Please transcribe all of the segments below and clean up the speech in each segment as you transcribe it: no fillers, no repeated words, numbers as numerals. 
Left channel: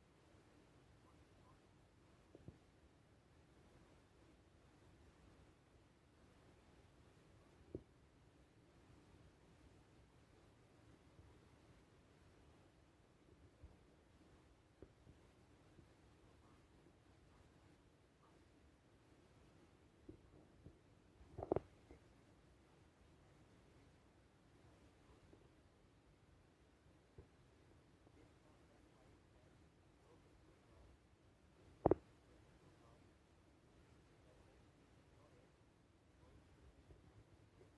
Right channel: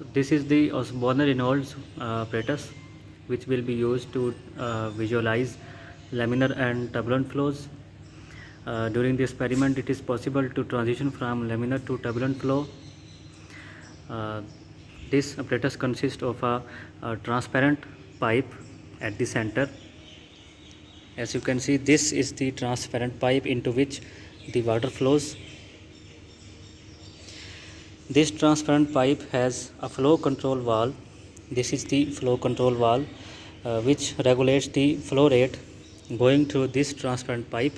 So this is the Osborne Reynolds apparatus, which will be used to visualize laminar and turbulent flows. During the experiment, it is possible to transition from laminar to turbulent flow. This apparatus consists of a transparent pipe at the center. As you can see, this is the transparent pipe into which the water flows. This transparent pipe has a flow control valve. This is the flow control valve which regulates the flow rate going through this transparent pipe.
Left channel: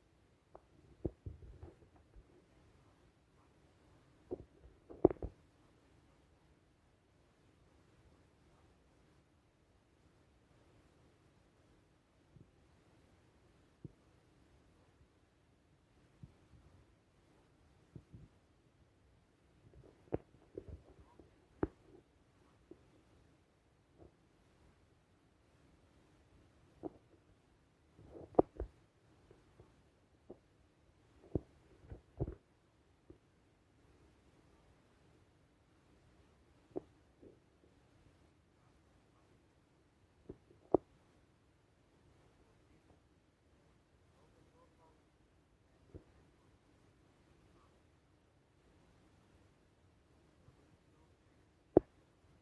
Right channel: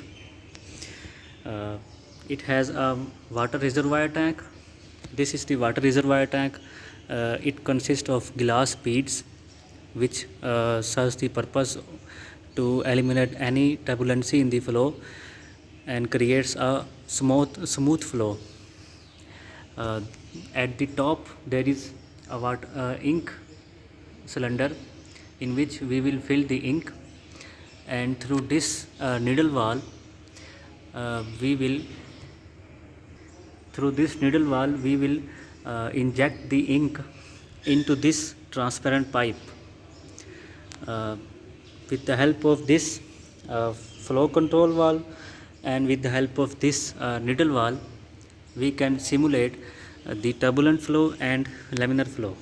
It has a water reservoir tank. This is the water reservoir tank. It consists of glass beads which serves the purpose to eliminate any turbulency in the flow and creates a smooth flow. At the top there is a ink cylinder in which we will fill the ink, and through this needle valve we will inject the ink into this transparent pipe. With the help of this flow control valve and with the help of this needle valve, we can simulate the turbulent flow and laminar flow.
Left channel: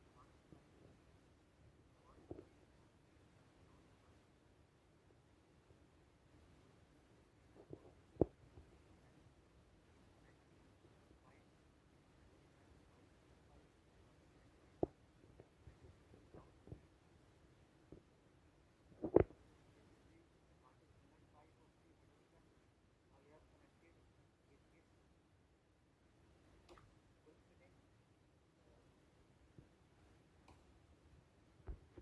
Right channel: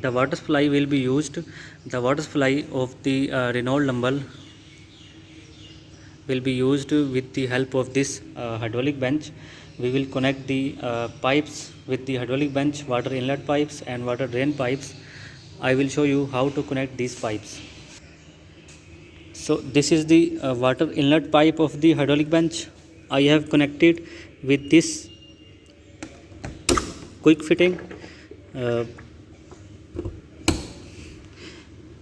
The water supply will be used. The water supply of the Reynolds number will be used with the help of this hydraulic bench. We will connect the pipes with the hydraulic bench, water inlet pipes and water drain pipes. I will show you how to connect these pipes. So this is the water inlet pipe of the hydraulic bench. I have connected with this quick fitting.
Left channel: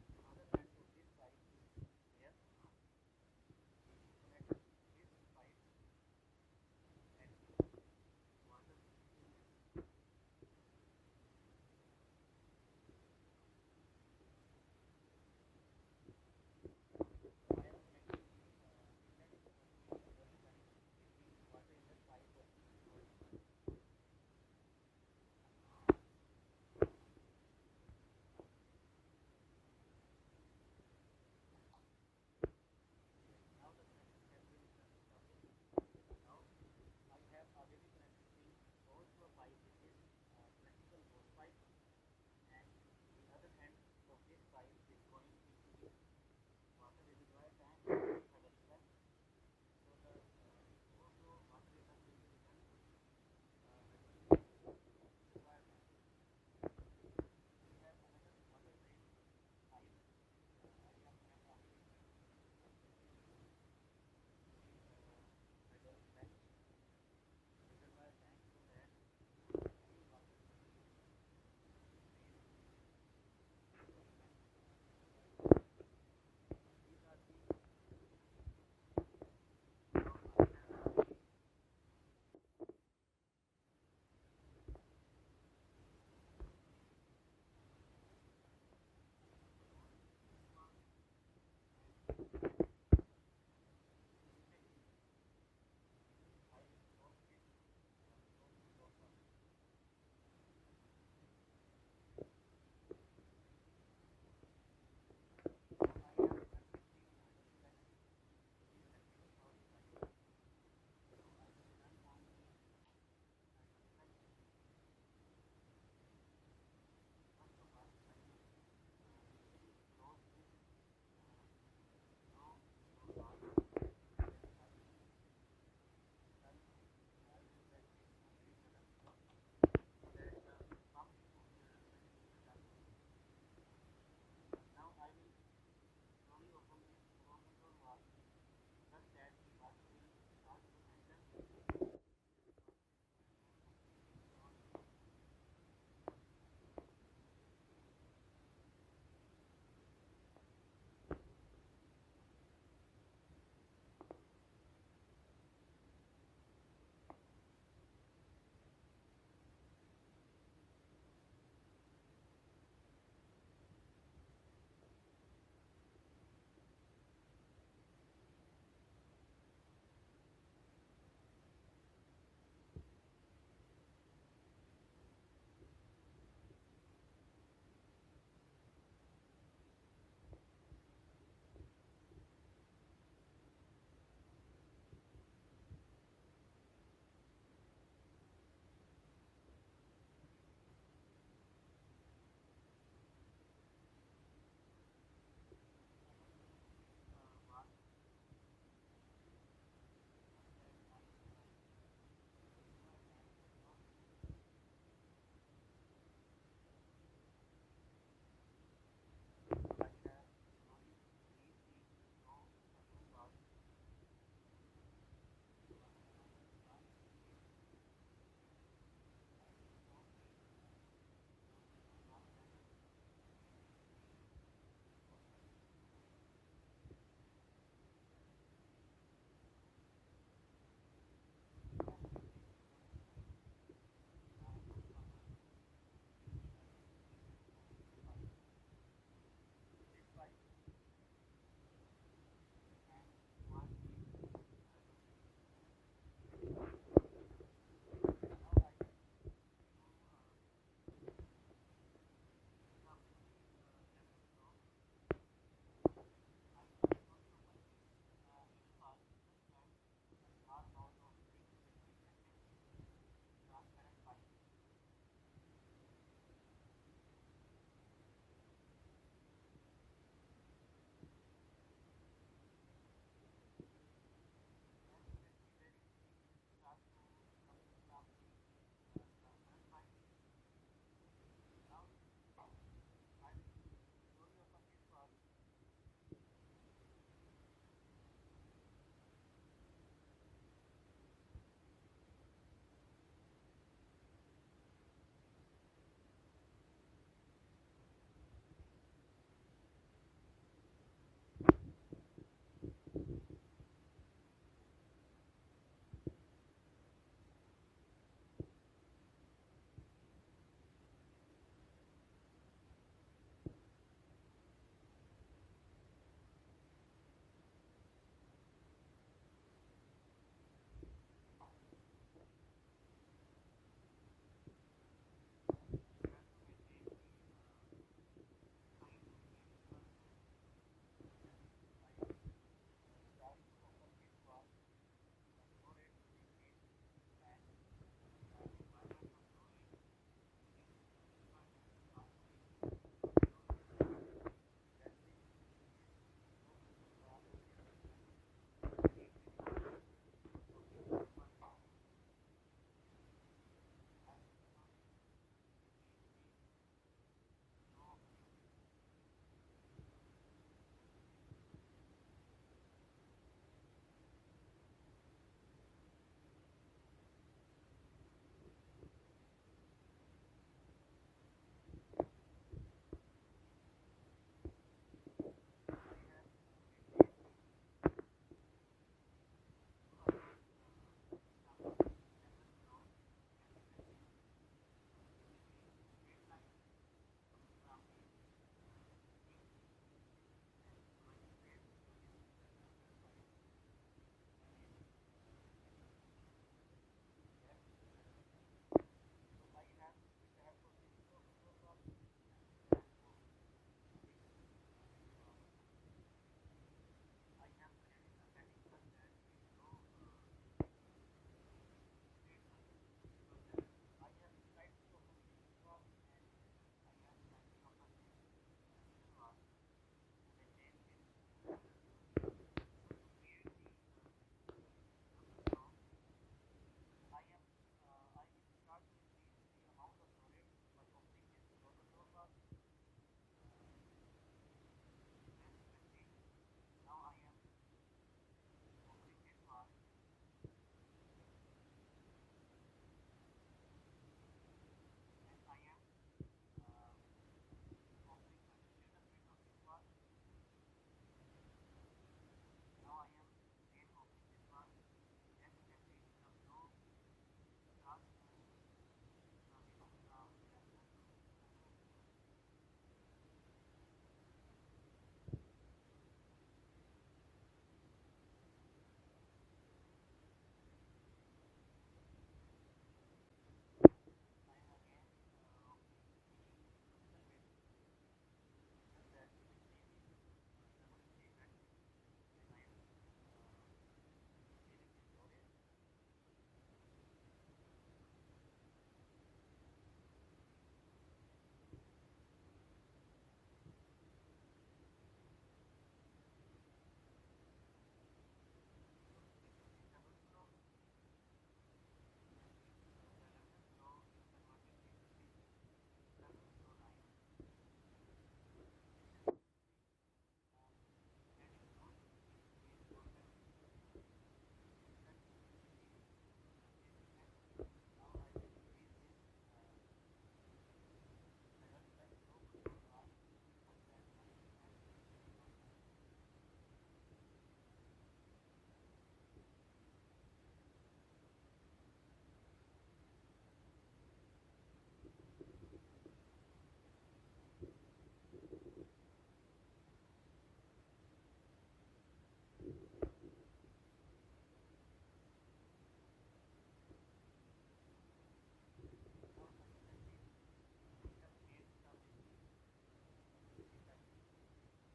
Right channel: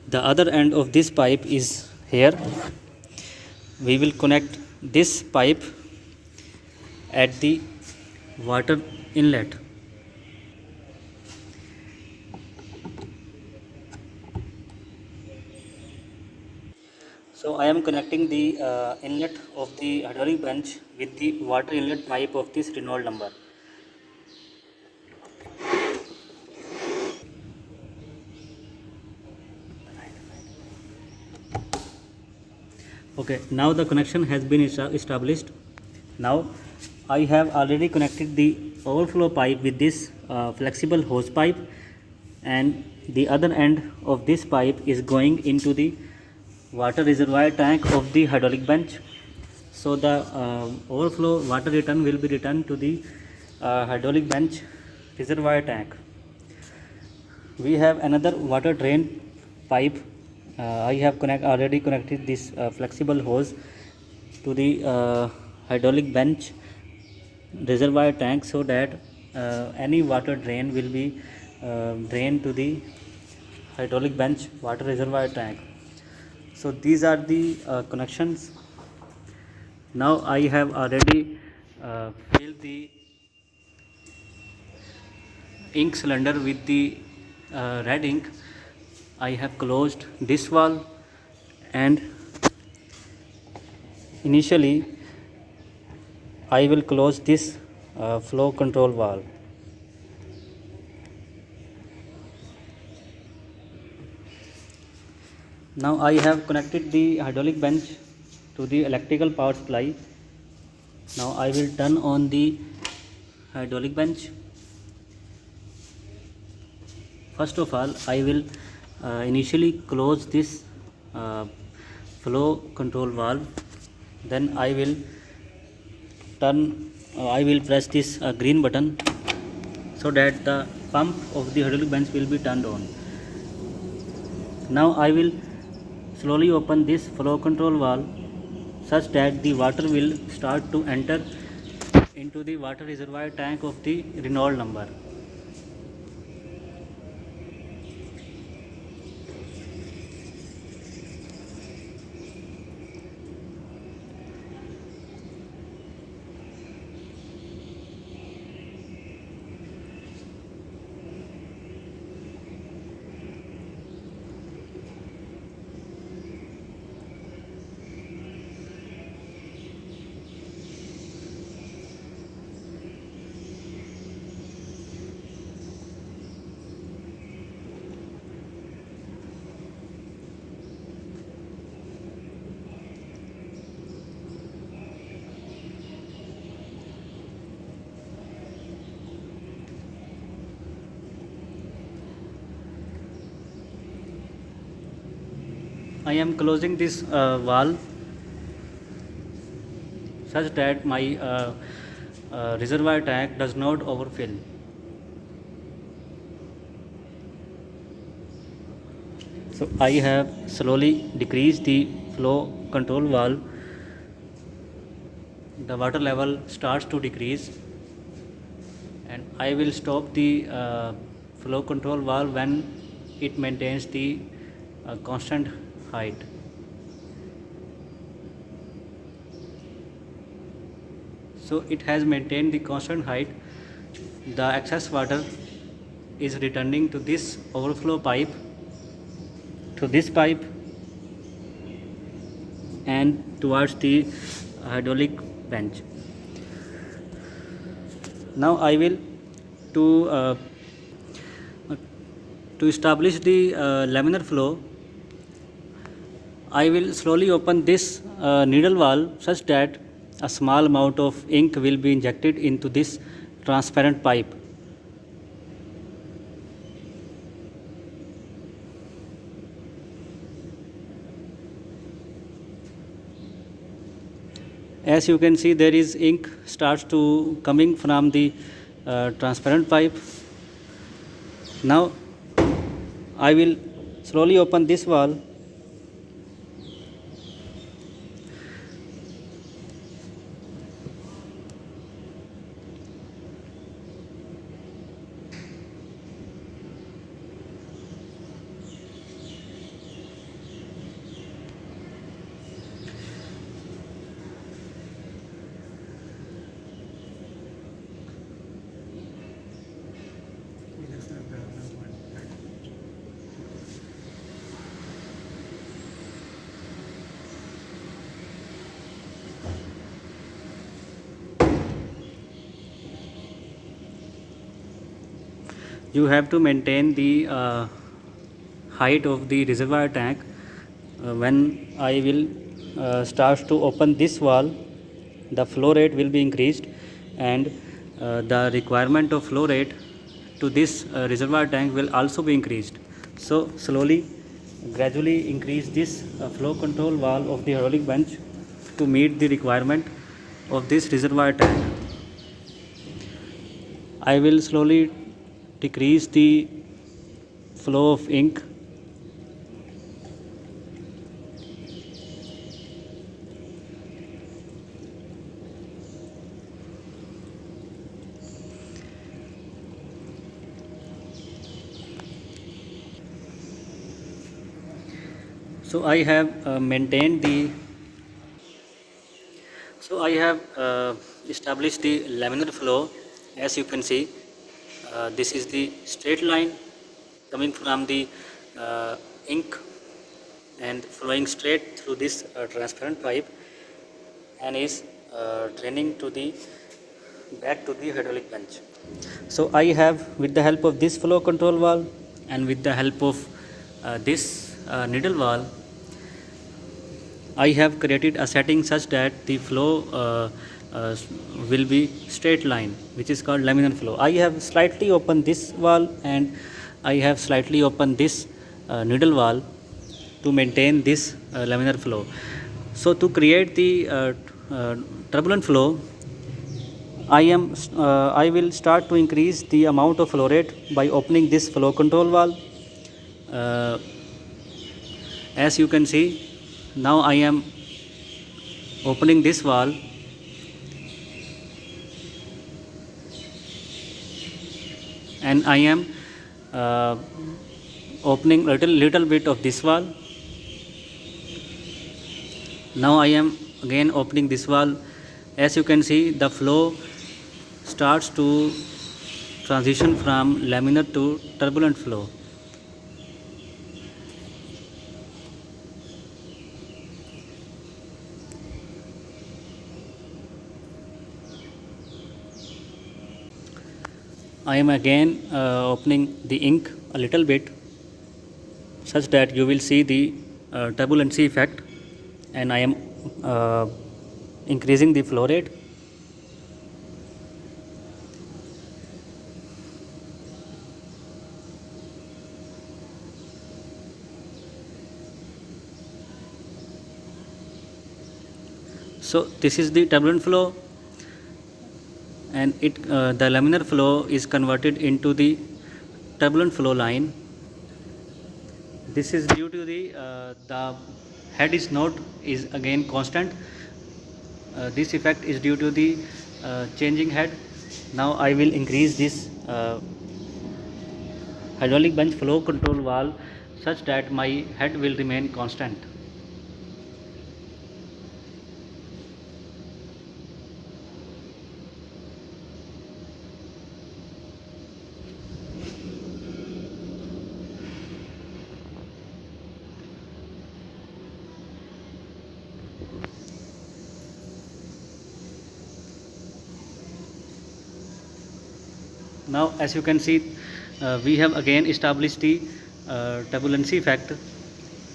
The other end of this pipe is here. We will connect this pipe at the water inlet. So I am connecting the inlet of the hydraulic bench with the water inlet pipe of this Reynolds number. Okay, now the connection has been established. Now I have already connected the overflow pipe with this flexible hose pipe, and the other end of this pipe is going into the water reservoir tank of the hydraulic bench. So the overflow water return will be returned to the hydraulic bench reservoir tank. We have another water drain pipe. I have already connected this flexible hose to the hydraulic bench reservoir tank, so that any water drain will be drained to the hydraulic bench water reservoir tank. So these are the connections. Now I have already filled the ink cylinder with the red ink. I have closed this valve, and initially I will close this flow control valve. Now I have connected the hydraulic bench to the electrical power supply. Now I will turn on the hydraulic bench. First of all, I will initially close this flow control valve. Then I will press this green button, so that the pump of the hydraulic bench will be turned on. Now I will slowly open this flow control valve such that the water will start to enter into the water reservoir tank of the Reynolds number. I am closing this valve such that my reservoir tank does not overfill. So I have slowly decreased the flow control valve. The water level starts to decrease, and I will stop the flow control valve when it maintains the constant height. So it has maintained the constant height. The excess water is returning to this overflow pipe, to this pipe, and towards the hydraulic bench. Now I will to uh, to establish the laminar flow. I will slowly open this needle valve such that a small amount of ink will be injected into this transparent pipe. As you can see, there is ink starts to coming from the transparent pipe. Now I will slowly open this valve. You have to maintain the height of the reservoir tank. When I will start to open this valve, the flow rate will be increased, and the requirement of flow rate to this reservoir tank will also be increased. So slowly, gradually increase this flow control valve of the hydraulic bench to meet the requirement of this reservoir tank. I will slowly decrease the flow of ink. So I have maintained the So I have established the laminar flow. As you can see, this is the straight line coming from the ink and flowing straight through this transparent pipe, and is draining to the back to the hydraulic bench. So I have, with the help of this flow control valve and with the help of this needle valve, I have created a setting such that the flow will be straight line, which is called laminar flow. I have slightly opened this valve and I have slightly opened this needle valve to maintain this laminar flow. So to create the turbulent flow, I will start to increase the amount of flow rate by opening this flow control valve. Uh, as you can see, now I am opening this valve, and I am uh, opening little bit of this valve. Now I am again opening this valve. As you can see, the flow starts to transition from laminar to turbulent flow. I am again opening the ink a little bit such that you will see the turbulency effect, and I am increasing the flow rate. So this is the turbulent flow, and the laminar flow is converted into the turbulent flow line. This is due to the head is again constant. This effect is due to the changing head. Now I will increase this hydraulic bench flow control valve such that my head will remain constant. Now as you can see, we have again established the turbulency effect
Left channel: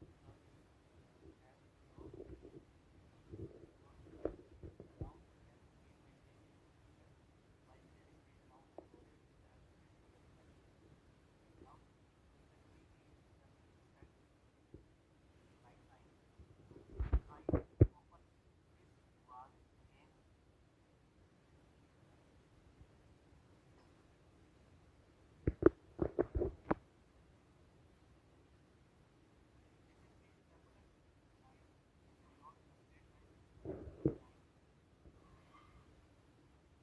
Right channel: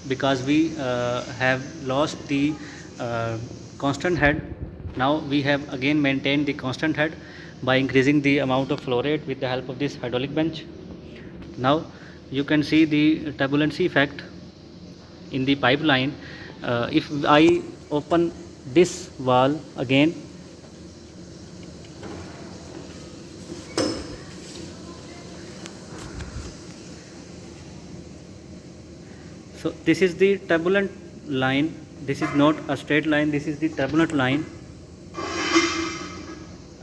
because we have lost the constant head. Now we have again maintained the constant head by increasing the amount of flow rate with the help of this hydraulic bench. Now you can see the turbulency effect in the pipeline. If I open this valve again, so this is the turbulent line. This is not a straight line, this is the turbulent line.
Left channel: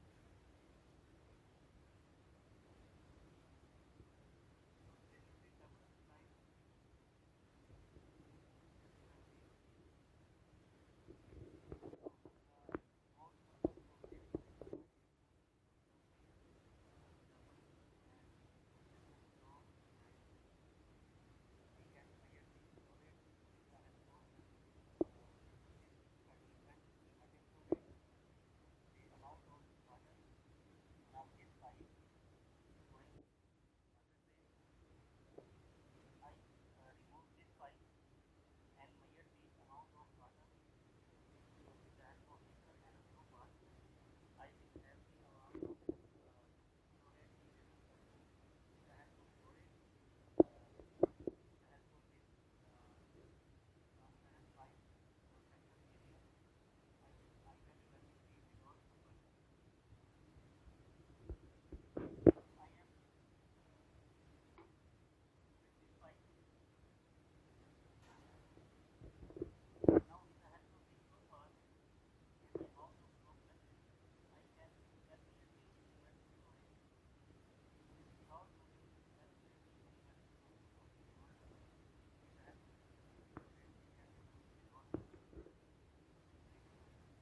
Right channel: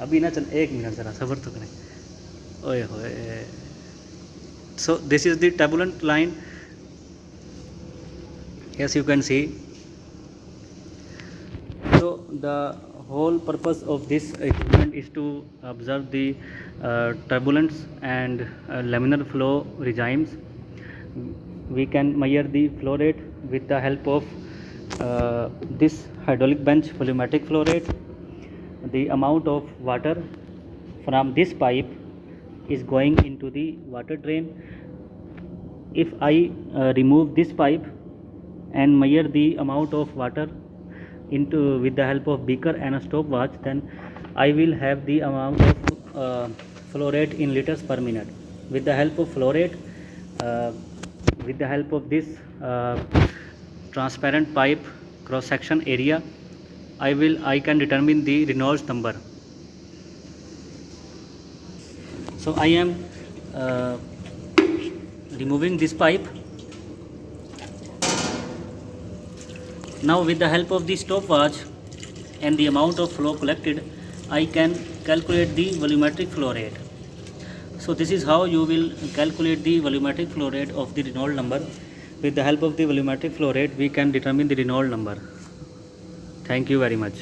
अभी ना चल एक minute ज़रा सब्र तो करें. ओए होए. So this is the turbulent line, as you can see. So the whole purpose of this equipment is to observe the turbulence and laminar flow regimes. We can measure the flow rate with the help of this hydraulic bench volumetric flow rate. The amount of water from this pipe is going into the water drain. If I remove this pipe and measure the amount of water with the help of beaker and a stopwatch, then I will have the amount of flow rate in liters per minute. With the help of flow rate, with the help of this transparent pipe cross section area, I can determine the Reynolds number. So I am removing this pipe. Now with the help of the stopwatch and the amount of flow collected, I can calculate the volumetric flow rate. So this is how you will calculate the volumetric flow rate of the Reynolds number. With the help of the volumetric flow rate, we can determine the Reynolds number. Thank you very much.